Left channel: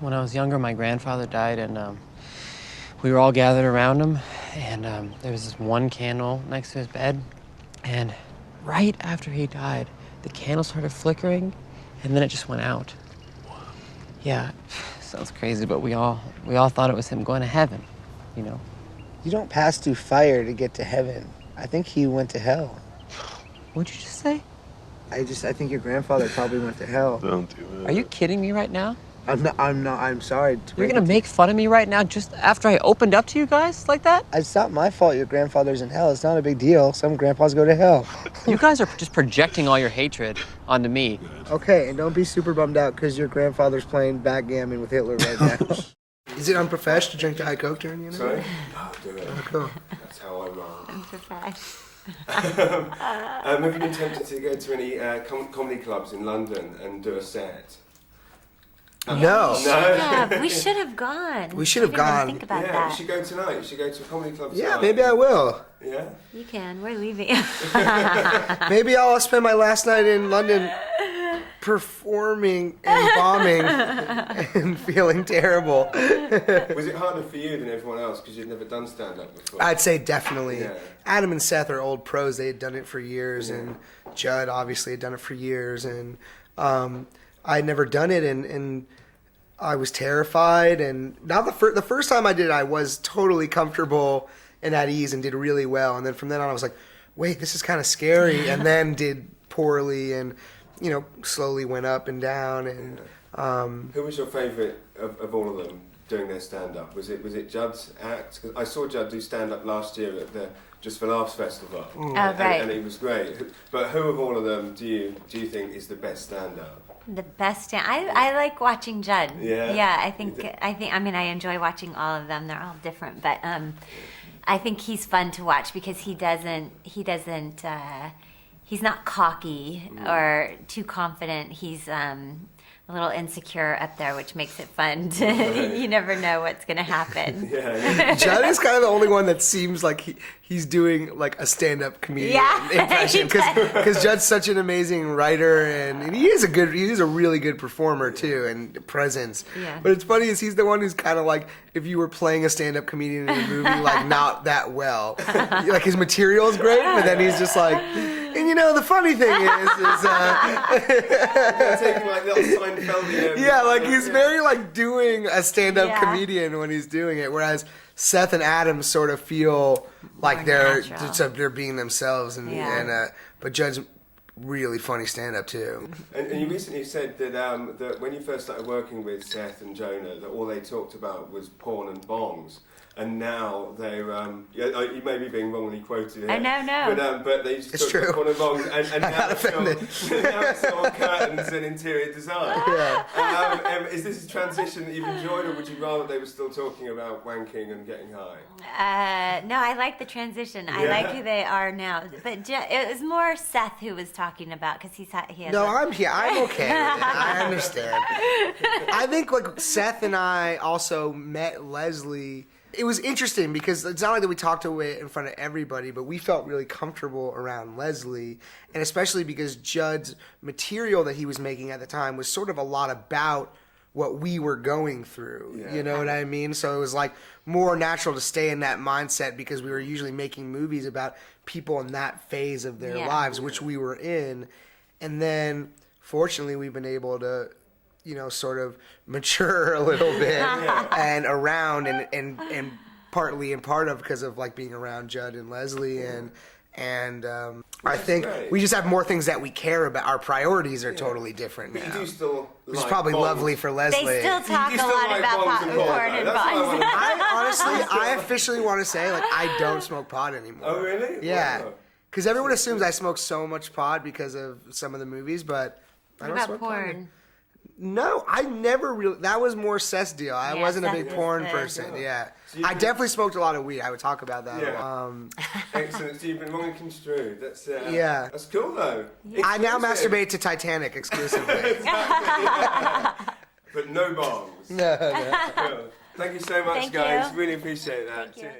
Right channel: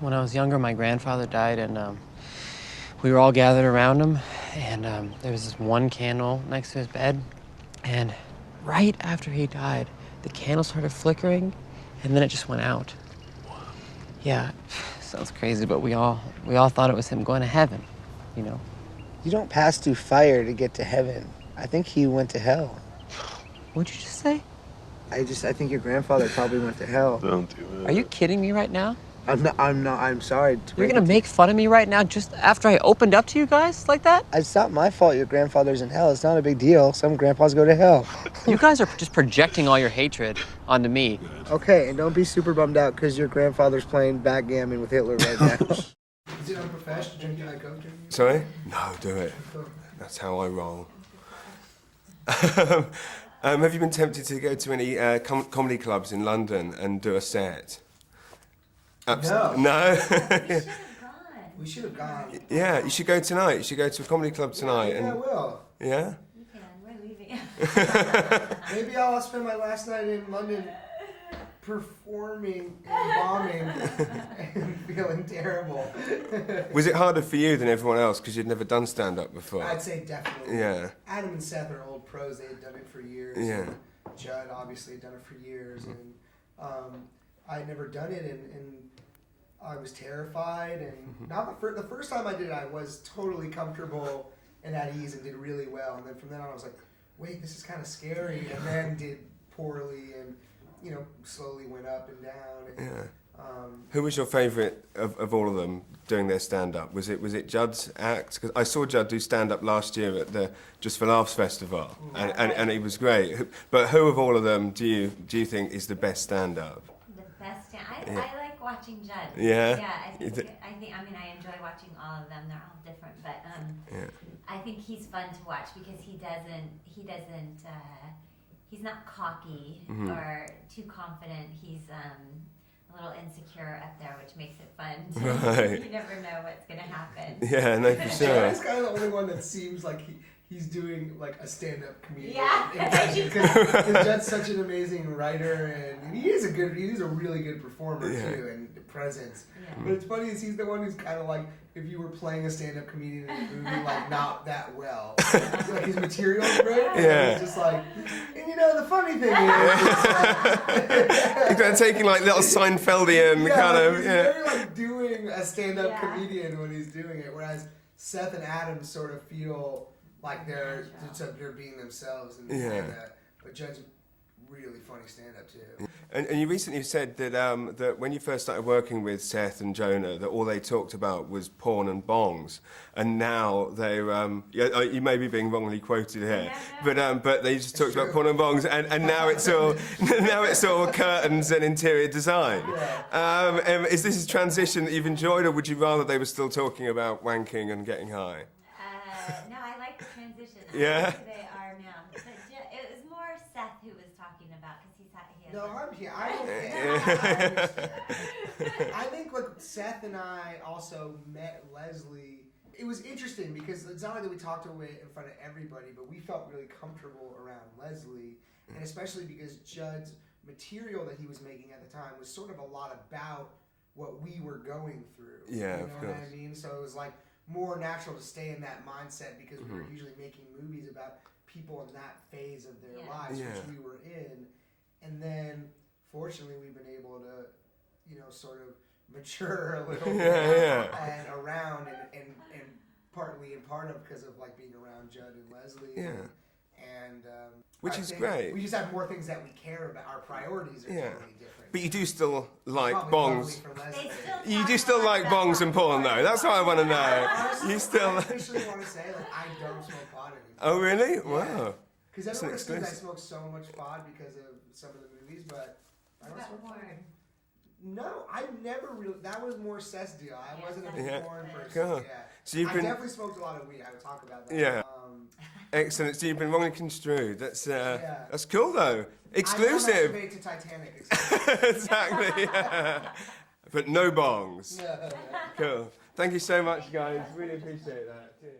when I was younger, my grandfather died, and we were all gathered around him, and there was this one candle next to his bed, and right after he died, the candle started flickering, and then it just went out. Yeah, sounds crazy, but we all thought it was him going to heaven, you know? You don't pass through fire to get to heaven. I think he went to hell. What'd you just say? I think your grandfather probably went to hell. Don't do it. Are you kidding me right now? I'm sorry. You're gonna make fun of me right now just after I opened up to you guys like that? It's not my fault your grandfather's in hell. It's not a big deal. Some grandpas go to hell. You guys are just projecting all your hatred onto me. Okay, and don't be super bummed out because your grandfather's playing backgammon with Hitler right now. Is it unprofessional to drink Diet Coke during the interview? Sorry? No, do it. Oh, cool. That's how I roll. Unprofessional. Have you been tempted to go to any comedy clubs in London and do a set? No. No? Yeah, we should have gone. We should have gone. Think about Yeah, that. you should go tonight. You should go to a comedy club tonight. Yeah, maybe I will. Yeah? You can. We're leaving. Maybe I'll spend my last night in London performing and bombing and feeling terrible. Was it harder for you than everyone else because you'd never done stand-up before? I'd say definitely. Yeah. Adam and Seth are old pros. They had done it for years, Yeah. and Judd obviously had done it for years, and I had never done it, and I was terrified. And now the first time I did it, I was totally comfortable and at ease and did really well. And then from then on, I was like, wait, this is kind of scary. And then did poorly, and slowly went up and down. And Who was your favourite of all of them doing their stand-up? Was it Judd's act? Because I saw Judd do stand-up last year at the Just for Laughs festival, and he was great. But who of all of them do you think is the best stand-up? The best. I like watching Judd. Yeah? Yeah. I mean, I enjoy watching all of them. They're all different, but I think he's fun to watch because he's not cocky or too confident. He's a little insecure up there, which makes it fun. Right. You never know what's going to happen. Yeah. Judd is kind of the only one that seems like he's doing like a stand-up comedian impression, because Judd's such an amazing writer, and he is a really good performer too, and presence. Yeah. But it's funny is he's the one who's kind of like if you were playing a stand-up comedian in a movie, like not that well. Like his material is great, but then he's just like. And the funny thing is, They're taking like little Seinfeldian. he's very like doing a stand-up comedian when he's doing it, whereas Seth and Adam sort of feel like they're being themselves, but Judd's really funny stand-up too. And you recently said that that when you first started working with Seth and Jonah, that all they talked about was porn and bongs, and now they're you may be being wrongly quoted here. No. But they just talked about porn and bongs, and now it's all curtains and interior design. Yeah. Is this a transition that you've enjoyed, or would you rather they were still talking about wanking and getting high? No, I like the transition. I like who they are now. But it was more Seth who was talking about because he has. No, I'm here. I'm okay. I understand. I think like Seth and I also met Leslie. It was interesting because it's not like that we talked to it in front of everybody, but we felt really comfortable around Leslie, and especially because Judd's material that he was making at the time was sort of a lot about what we were going through. Yeah. You know what I mean? So it was like more natural to stay in that mindset because we were usually making movies about people in that phase of their lives, which we were in. And then fortunately we've been able to, sort of mature a little bit and around and partly and part of because of like being around Judd and Leslie and I think great. we just have more things that we care about. Our priorities are totally different But now. you do still It's like probably bongs. lovely for Leslie. They still talk You do a still lot like about bongs and porn, though. That's what I want to know. Honestly, I officially want to say, like, I don't smoke pot anymore. Oh, really? Yeah. Wow. Because everyone assumes I smoke so much pot because of some of the movies, but I What don't about smoke pot. porn? No, I never really. That was more Seth's deal. I wasn't a Seth big is porn the- person. Yeah. Yeah. So you've I been- definitely smoked a lot of weed. I would talk about that. Yeah. Excellent. So you've been wrongly construed. That's Yeah. That's cool though. I now Exclusive. masturbate to Titanic exclusively. Exactly. Yeah. But no bongs. No. Cool. Thank you so much, Thank guys. you. Really appreciate that. Thank you. Cheers.